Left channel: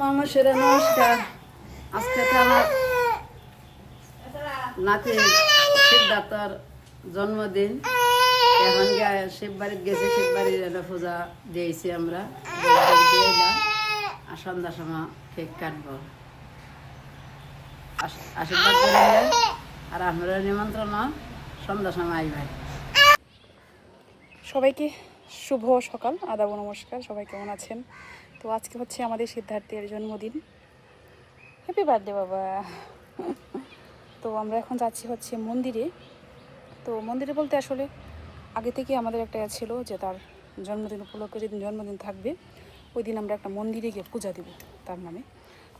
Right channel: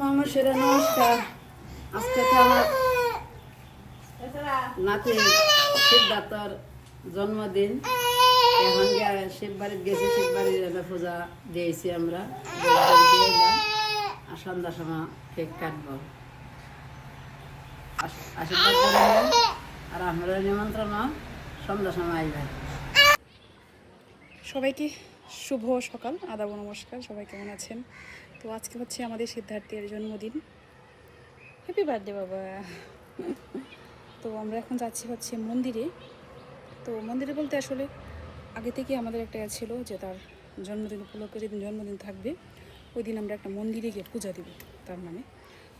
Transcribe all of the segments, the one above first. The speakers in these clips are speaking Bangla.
মানুষের নমস্কার। আজকে তো আমার নাতি সিদ্ধার্থর জন্মদিন। এখন শিব বাড়িতে গেছি, শিব বাড়ির পূজা দিয়েছি আমরা, দিয়ে এলাম। আর সন্ধ্যার সময় কেক কাটবো, আশীর্বাদ করে আর আমরা নিমন্ত্রণ সন্ধ্যার সময় আইবেন। সবাইকে শুভ সকাল, আদাব নমস্কার। সবাই কেমন আছেন? তো আজকে হচ্ছে আমাদের সিদ্ধার্থের জন্মদিন। হ্যাপি বার্থডে বাবা। তো আমরা এখন যাচ্ছি হচ্ছে মন্দিরে। তো মন্দিরে বলতে আসলে আগে থেকে আমাদের একটা ছিল যে তার জন্মদিন উপলক্ষে যেদিন জন্মদিন থাকবে ওই দিন আমরা একটা মন্দিরে গিয়ে পূজা দেব তার নামে।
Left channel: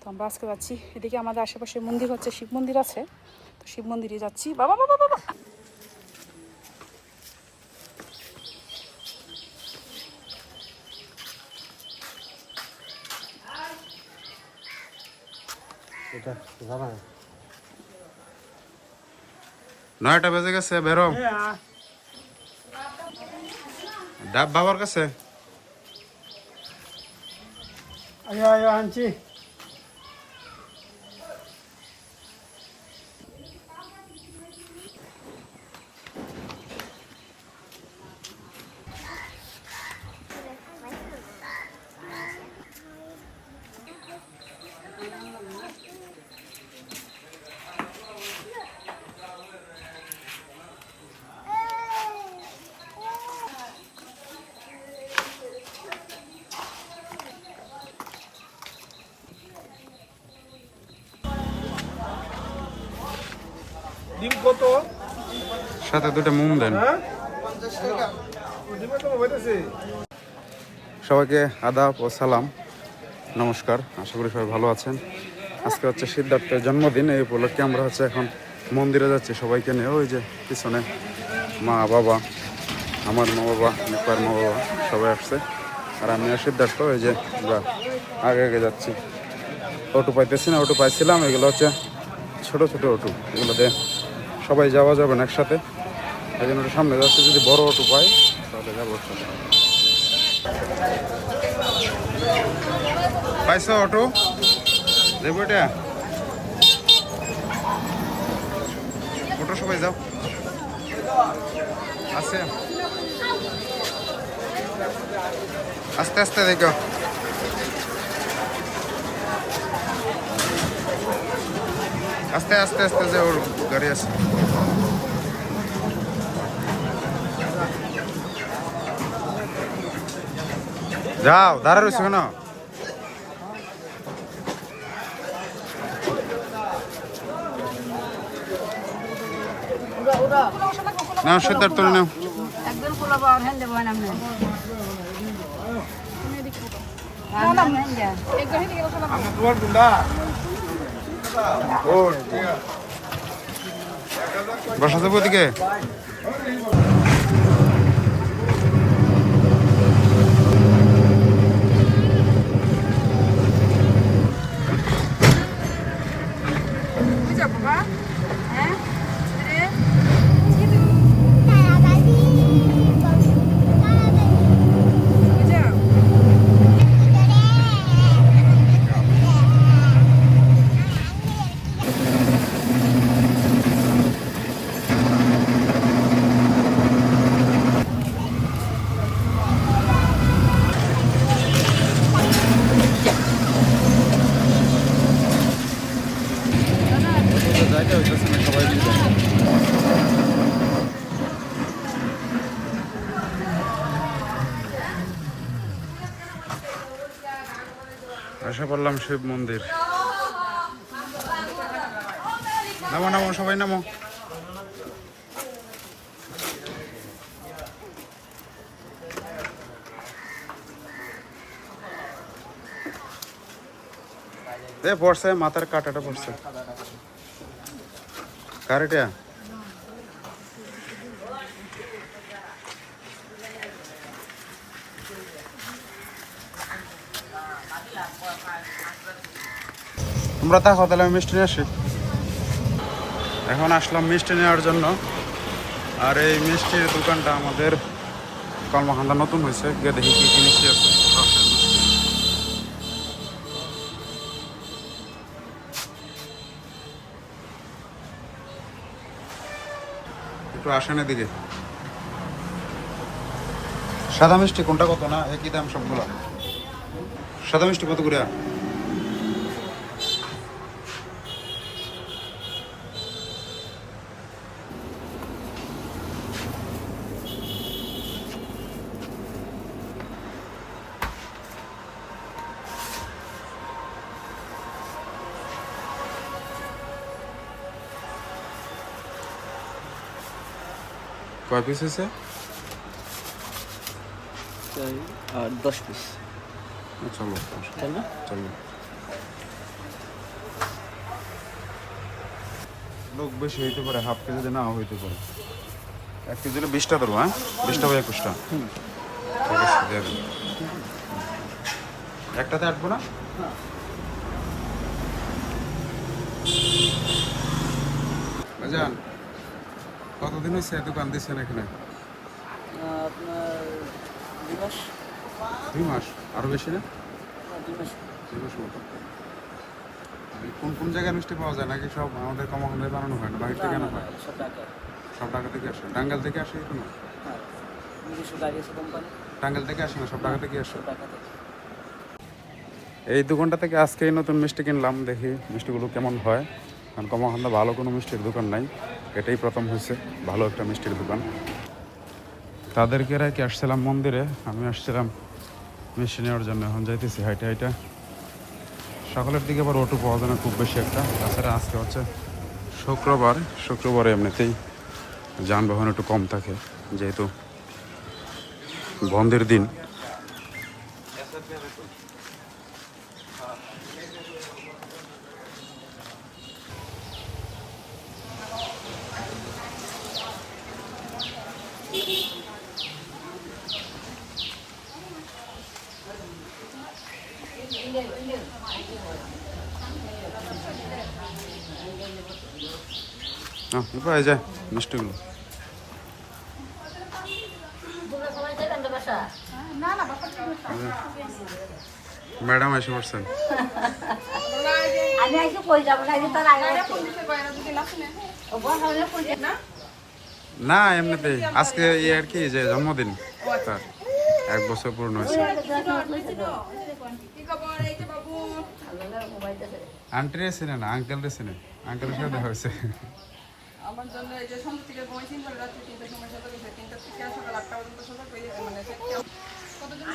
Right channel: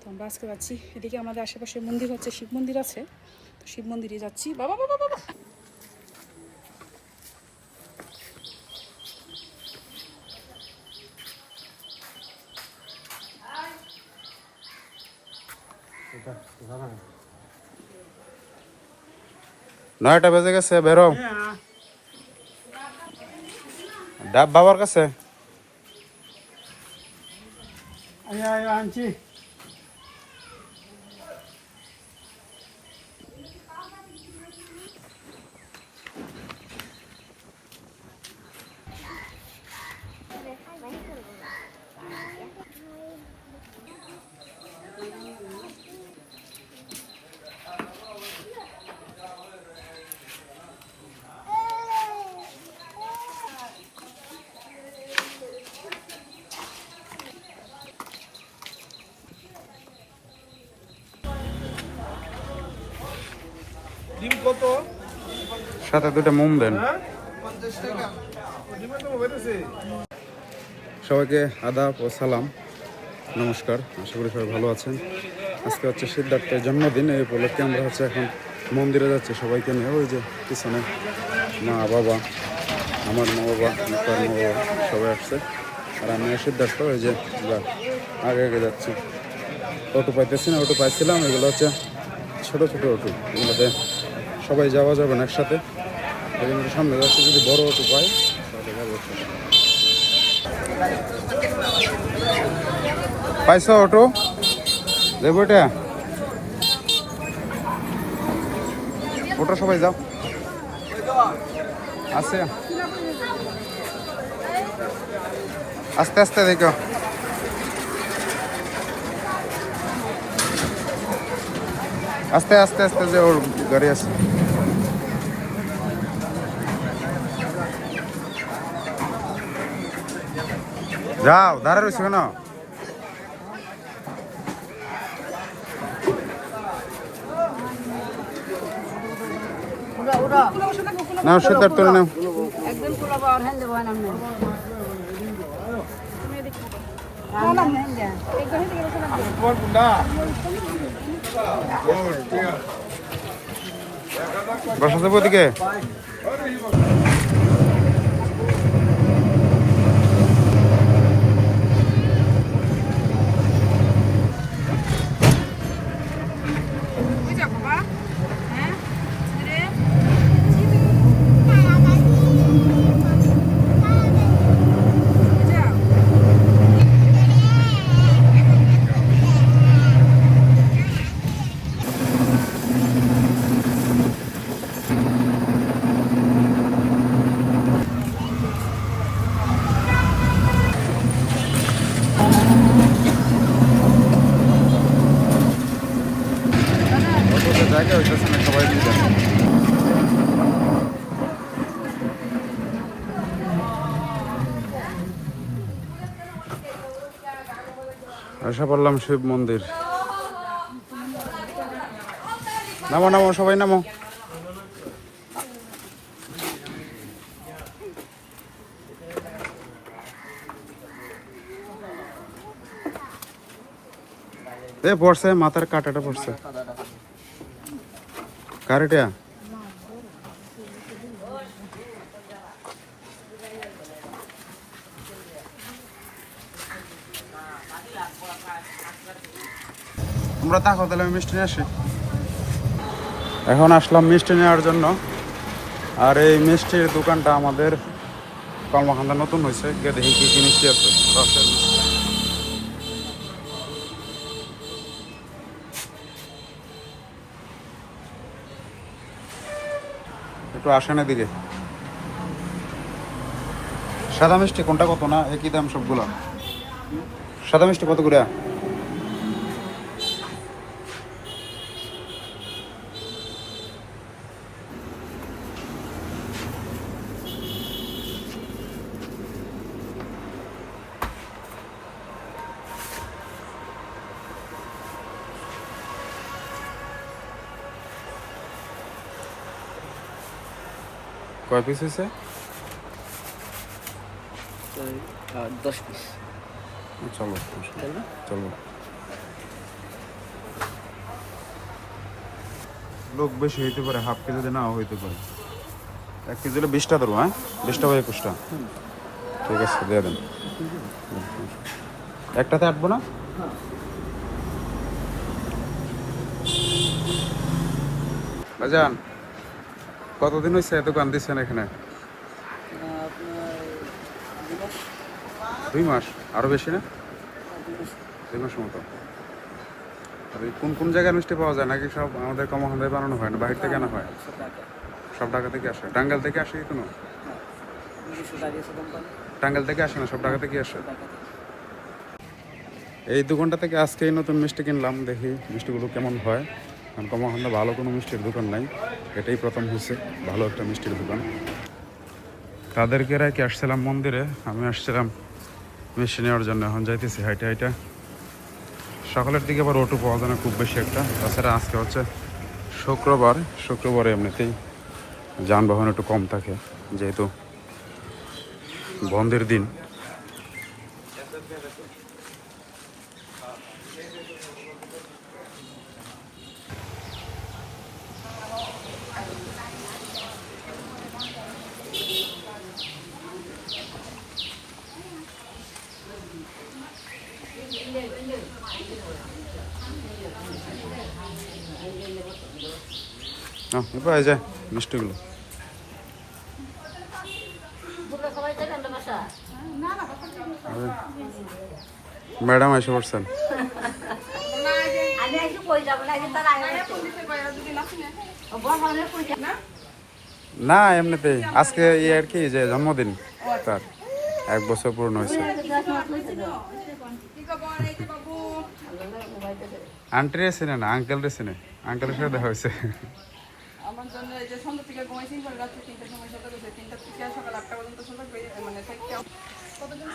তো আমরা আজকে যাচ্ছি। এদিকে আমাদের আশেপাশে মন্দির হচ্ছে শিব মন্দির আছে, তো শিব মন্দিরে যাচ্ছি। বাবা বাবা বাবা নয়টা বেজে গেছে, বেরো। ডাব বাবার কাছে আনছি। সাথে দুটো মোম দেন। সবাইকে আদাব ও সালাম, নমস্কার। আশা করি সবাই ভালো আছেন। আজকে হচ্ছে সিদ্ধার্থের জন্মদিন, এই উপলক্ষে আমরা হচ্ছে এখন মন্দিরে যাচ্ছি সবাইকে নিয়ে। ওই যে পিছনে মা বাবা, আমার মা বাবা, নিপার মা বাবা সবাই আসছে। আর আমি আর সিদ্ধার্থ এই যে আমরা আগে আগে যাচ্ছি। অটো পাইতেছি না, অটো পাইছিলাম, এগুলো হচ্ছে ছোট ছোট অটো, এগুলোতে সবাই যাওয়া যাবে না একসাথে। এই জন্য সামনে যাচ্ছে, যদি বড় অটো পাই তাহলে যাবো একসাথে। পাইছো অটো? দেবো এটা অটো, সবাই যাও। আছে আস্তে আস্তে দেখো। আস্তে আস্তে আস্তে যে ওর গাড়ি আছে। যাও, দাঁড়া রয়েছে কেন? নাও সিদ্ধার্থ, নাও। বসা যাবো ওদিকে। জায়গা হইতেছে না, সবাই মিলে এসে পড়লাম শিব মন্দির। নামো নামো, সবাই নামো। পড়ছে, মাথার কাটাটা পড়ছে। কারেটা তোমরা থাকো, তাহলে আমি মিষ্টি নিয়ে আসি। এখন আসলাম মিষ্টি নেওয়ার জন্য। আর এই মিষ্টির দোকানটা আমাদের কলমাকান্দা নতুন হয়েছে, গিয়ে দেখি কি কি মিষ্টি আছে। রসের মিষ্টি একটু আসেন এদিকে। সাদা মিষ্টি কোনটা কত না একই দাম সবগুলো? সাদা মিষ্টি কত করে? কয় পিস আছে? 10 পিস। চলো চলো। লোক বেশি হইতে পারে, হাফ কেজি যদি নাও হইতে পারে। 1 কেজি হলে 20টা ধরো। হ্যাঁ 20টা বা 21টা। ঠিক আছে দিয়ে দেন। একটাতে আটবো না? ভাইজান কতদিন হয়েছে দোকান দিচ্ছেন এখানে? আপনার 2 মাস। 2 মাস? আরো বেশি না? 2 মাস। 2 মাস মতো। আর এই কোন কোন জায়গায় মিষ্টি পাওয়া যায় নাকি সব আমাদের কমাখান্দায় বানানো হয় না, বাহির থেকে আনা হয়? সব টাকা। সব ঢাকা থেকে আসে? টাঙ্গাইল থেকে আসে কোনো? হ্যাঁ, নিজস্ব গাড়ি আছে কোম্পানি। টাঙ্গাইল থেকে আসে না, সব ঢাকা থেকে আসে? টাকা থেকে। এই দোকানটা থেকে আজকেই নতুন মিষ্টি কিনলাম, দেখি মিষ্টিগুলো কেমন হয়। কারণ কমাখান্দা ভালো কোনো মিষ্টির দোকান নাই, এটাই প্রথম হয়েছে ভালো একটা মিষ্টির দোকান। তাদেরকে রেখে আসছিলাম মন্দিরে, আমি আসছিলাম মিষ্টি নেওয়ার জন্য। এখন যাইতেছি হাইটা হাইটা। সকালের দিকে আবার অটো পাওয়া যায় না খুব বেশি একটা। তাছাড়া আজকে হচ্ছে শুক্রবারে এমনিতেই যানবাহন একটু কম থাকে যেহেতু বন্ধের দিন। এবার এই যায় মিষ্টিগুলো। ম্যাডাম এসে পড়ছেন। না এমনিতেই আজকে আর কি যে জন্মদিন তার 1 বছর পূর্ণ হয়েছে। আন্টি চেনে না, আঙ্কেল চেনে। আঙ্কেলের সাথে দেখা হয়েছে। আমার জন্য এই যে সন্ধ্যা থেকে ঘুমাইছি, পরে রাত্রে 3টার সময় সাথে 3টা থেকে সকাল 8টা পর্যন্ত সময় পেয়ে মানে কতদিন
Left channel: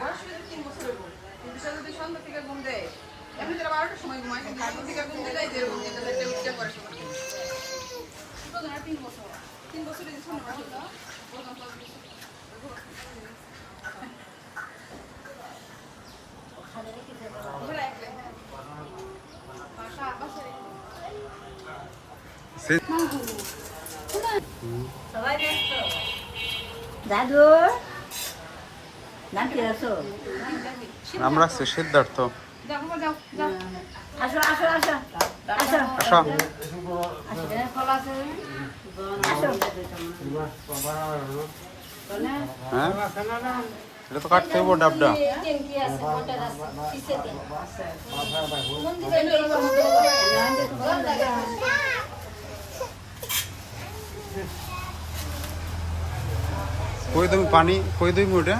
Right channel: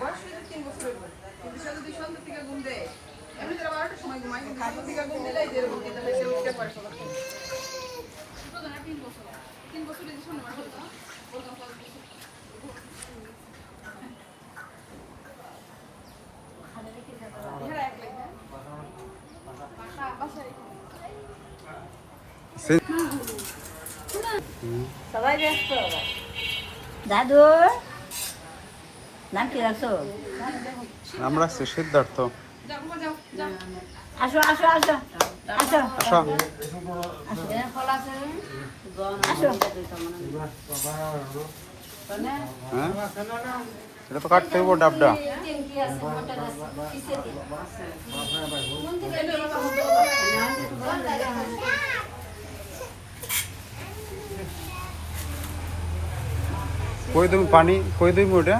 বয়স 3 বছর হইব। কিন্তু সে যদি সন্ধ্যা থেকে ঘুম দেয়, এমনি তারা 12টার সময় ঘুমায়, কিন্তু সন্ধ্যা থেকে ঘুম দিলে যে এরকম যেতে সে উঠতে পারে সবাই। তো ধরে 3 বছর 3 বছর এই শূন্য মাস হইল প্রথম 5 বছর। সবাই ব্যস্ত। দাদু নাম কি রাখছো? নাম রাখছে সিদ্ধার্থ। আসো আসো আসো আসো আসো। ফল আছে আসো। হ্যাঁ এটা তো কাটতে হইব ডাবটা। কই তুমি পানি কই দিই ওটা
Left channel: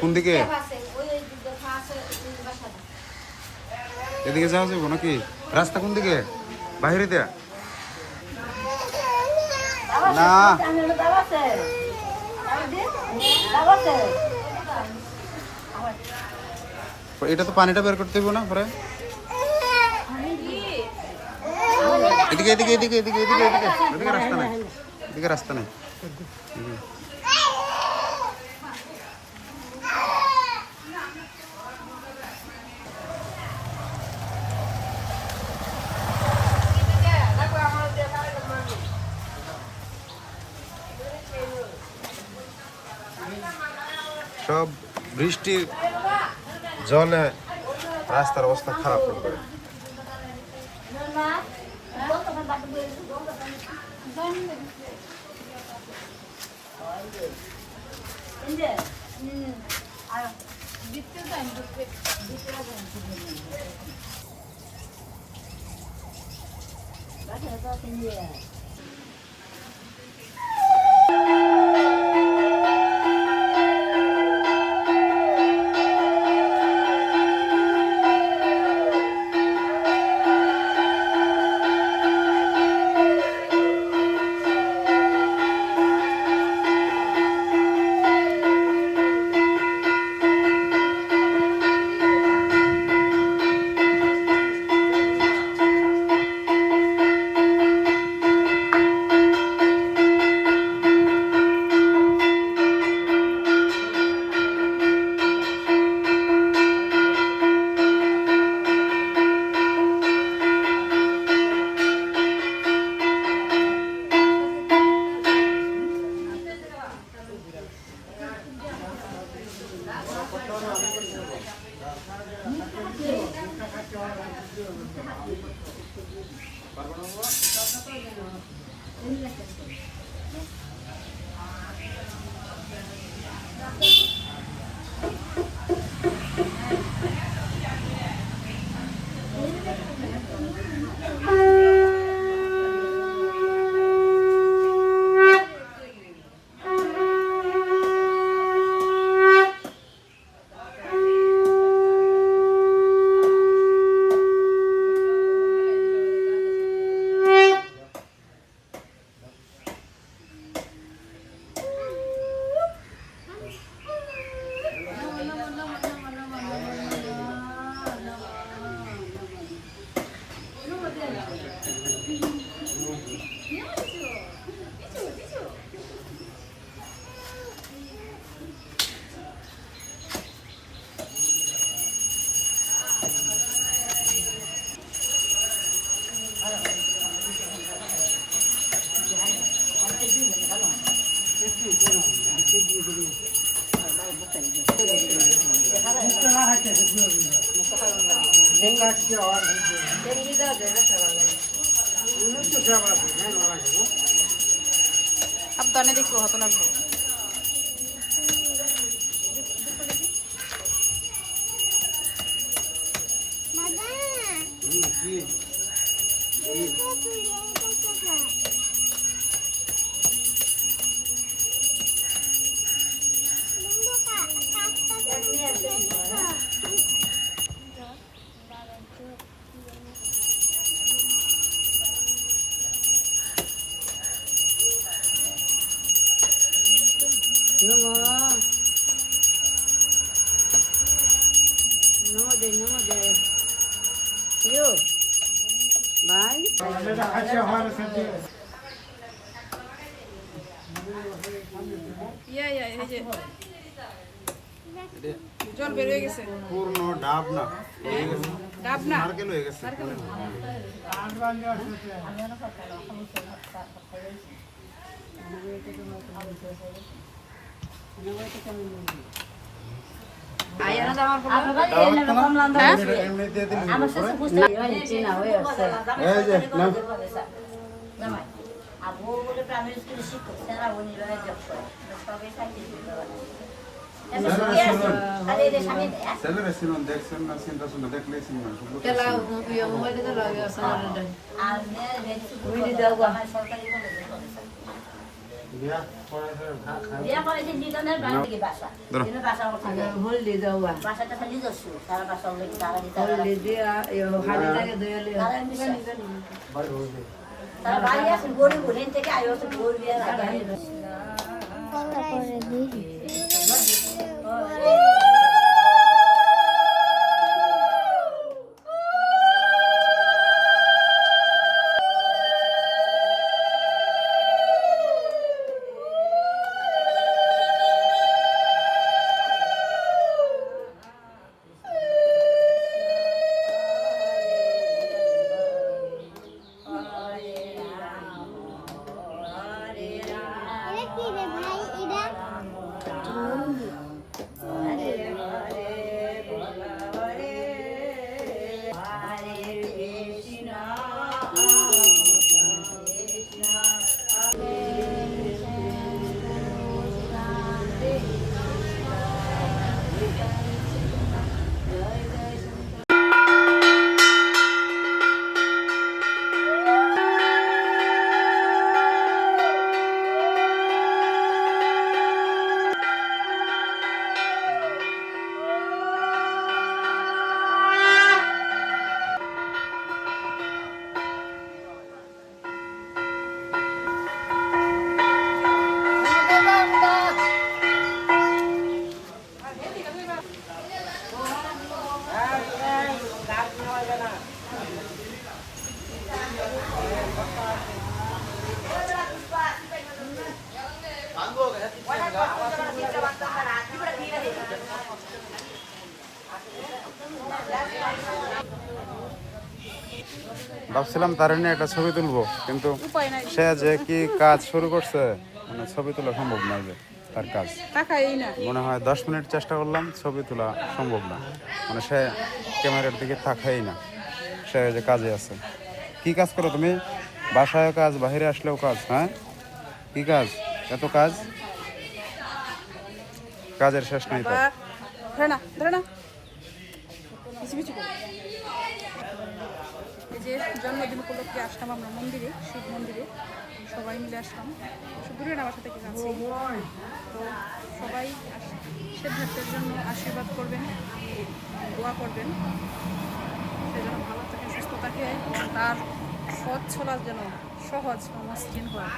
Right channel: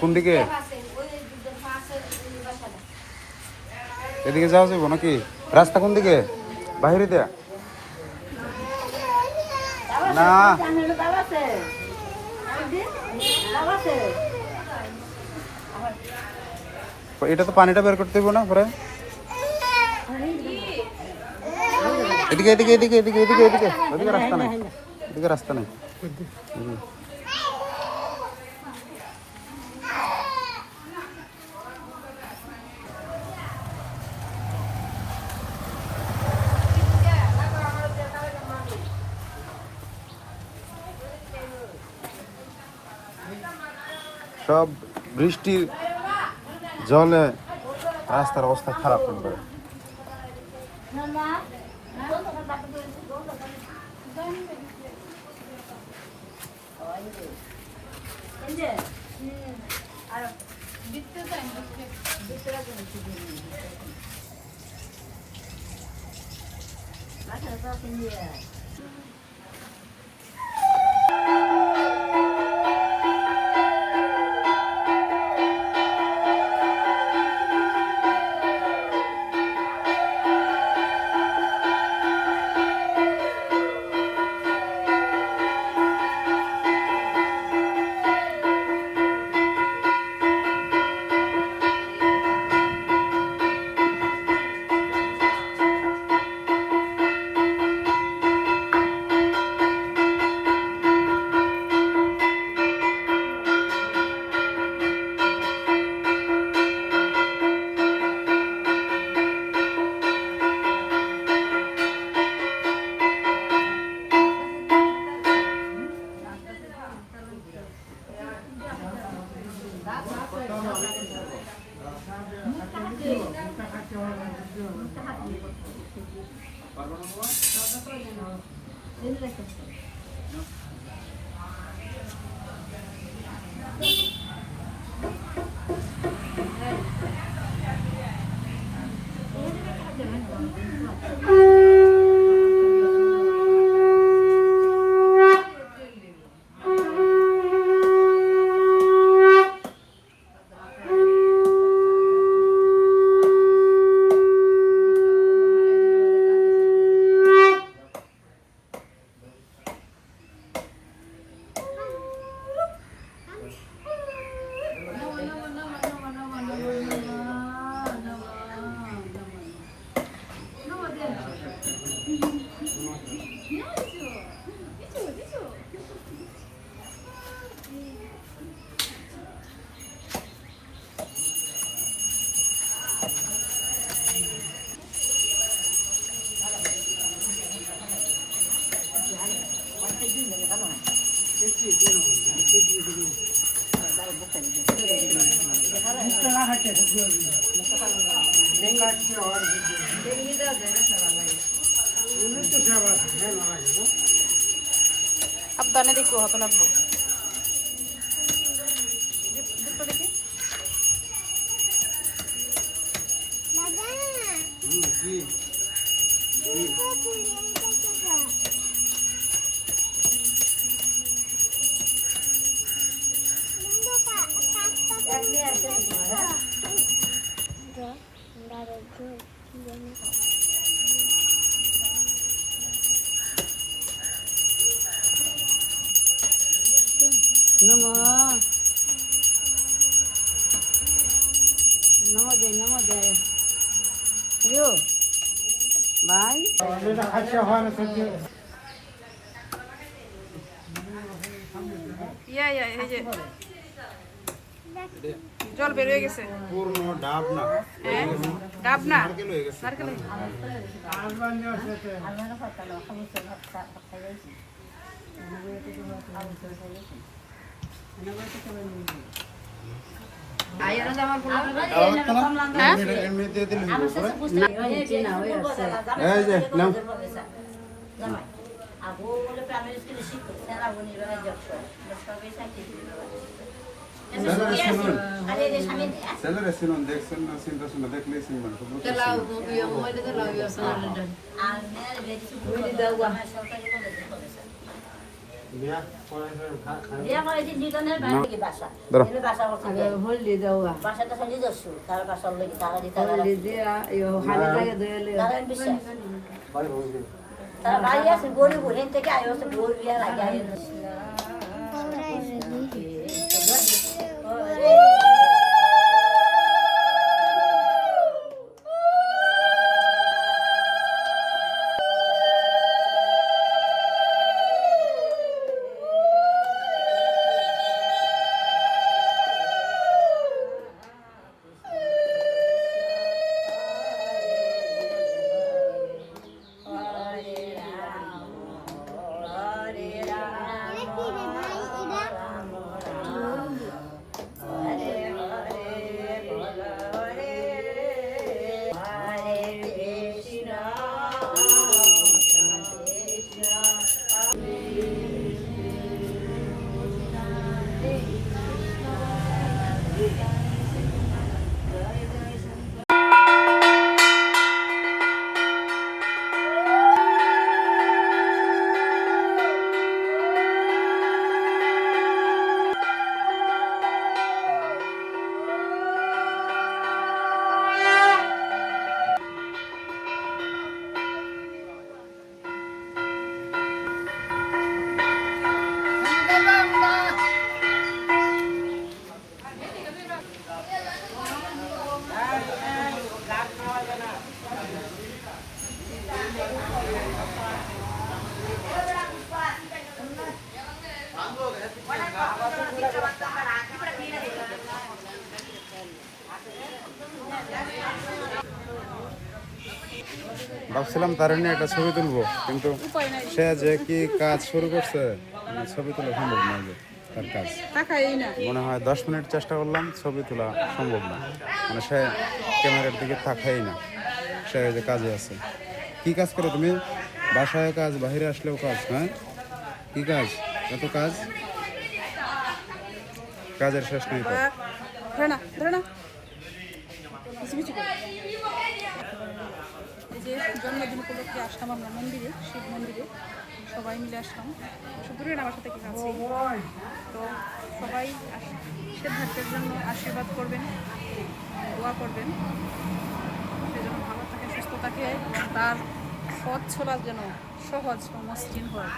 কোন দিকে? এদিকে যাওয়া যাবো নাকি? রাস্তা কোন দিকে? বাইরে দেয়া না। এটা তো পানিটা বের করতে হইব না পরে। এদিকে এদিকে এদিকে এদিকে এদিকে এদিকে এদিকে রাস্তা নাই, এদিকে রাস্তা নাই। সব বৃষ্টি জলে রাস্তার অবস্থা খারাপ একবারে। সাবধানে দেখো, হাতে লাগবো। দেখি এই যে জল বের হয়ে গেছে, পূর্ণ ডাব না, ডাব না, নারকেল হয়ে গেছে। নারকেল। এমনিতে দিলে দিব পরে। এই যে নাও। ছেলেরা ছিলেন, দেখছেন না, চিন্তা শুনে দেখলেই চিনবেন। ভাবছিলাম তার নিয়ে একটা ছবি তুলবো, কিন্তু উপায় নাই। সে যে কি কাজ শুরু করছে, মানে ছবি তোলা সম্ভব নয়। যে তার কাজ। টাকা এই না মনে হয় 10 মিনিট চেষ্টা করলাম, ছবি তোলা সম্ভব না, মানে সে ক্যামেরার দিকে তাকাই না, সে ওই যে কাজে আছে। কি কাজ করো তুমি? বাসায় কাজ, বাইরে আসলেও কাজ। হ্যাঁ, কি কাজ? এত কাজ, কাজের শেষ নাই তো। ধরে না ধরে না পিছু পিছু করে। এই যে জন্মদিন উপলক্ষে আসলাম আমরা মন্দিরে, শিব মন্দিরে সবাই মিলে আসলাম, একটু দূরে না বাসা থেকে কাছে। তো সবাই সিদ্ধার্থের জন্য আশীর্বাদ করবেন, দোয়া করবেন, সে যেন ভালো থাকে, সুস্থ থাকে এবং তার পথ চলার যেন সহজ ও মসৃণ হয়।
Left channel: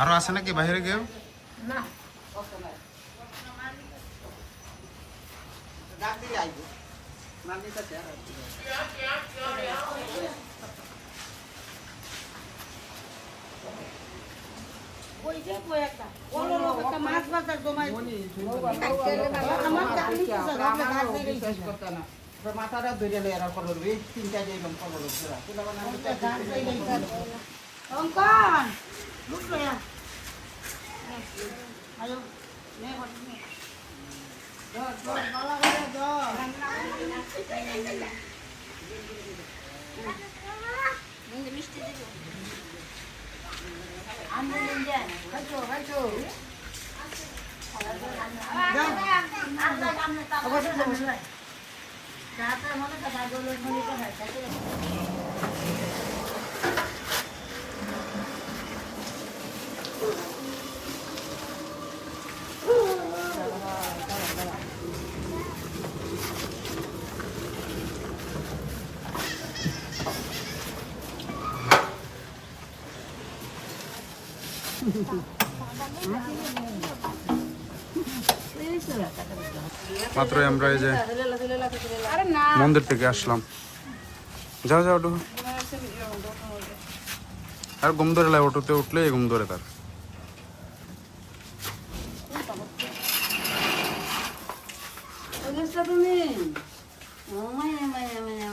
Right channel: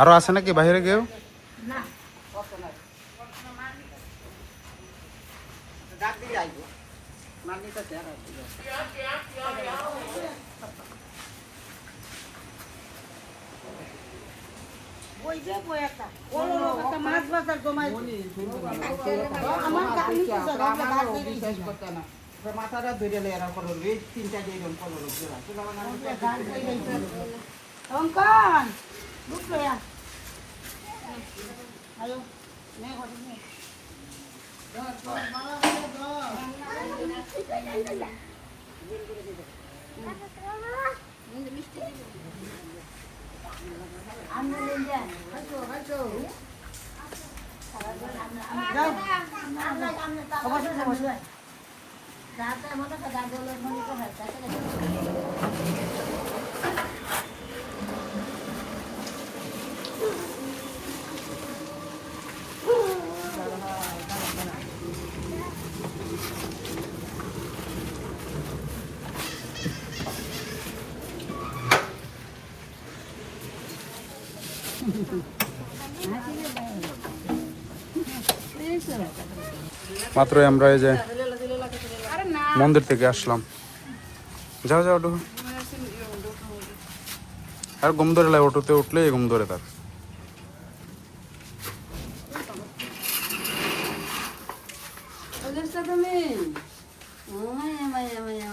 আরো আছে নাকি বাইরে কেউ? মাথাটা ধরে এরা কলর তিনটা যেরকম কলর অঙ্কন মিষ্টি দিব আমি হয়তো হয়তো মাত্র আমরা এই যে মন্দির থেকে আসলাম। যাও যাও ওঠো। আর ঘুম ধরে লাই, অটোতে উঠলে ঘুম ধরে তার। তুমি মায়া মায়া মায়া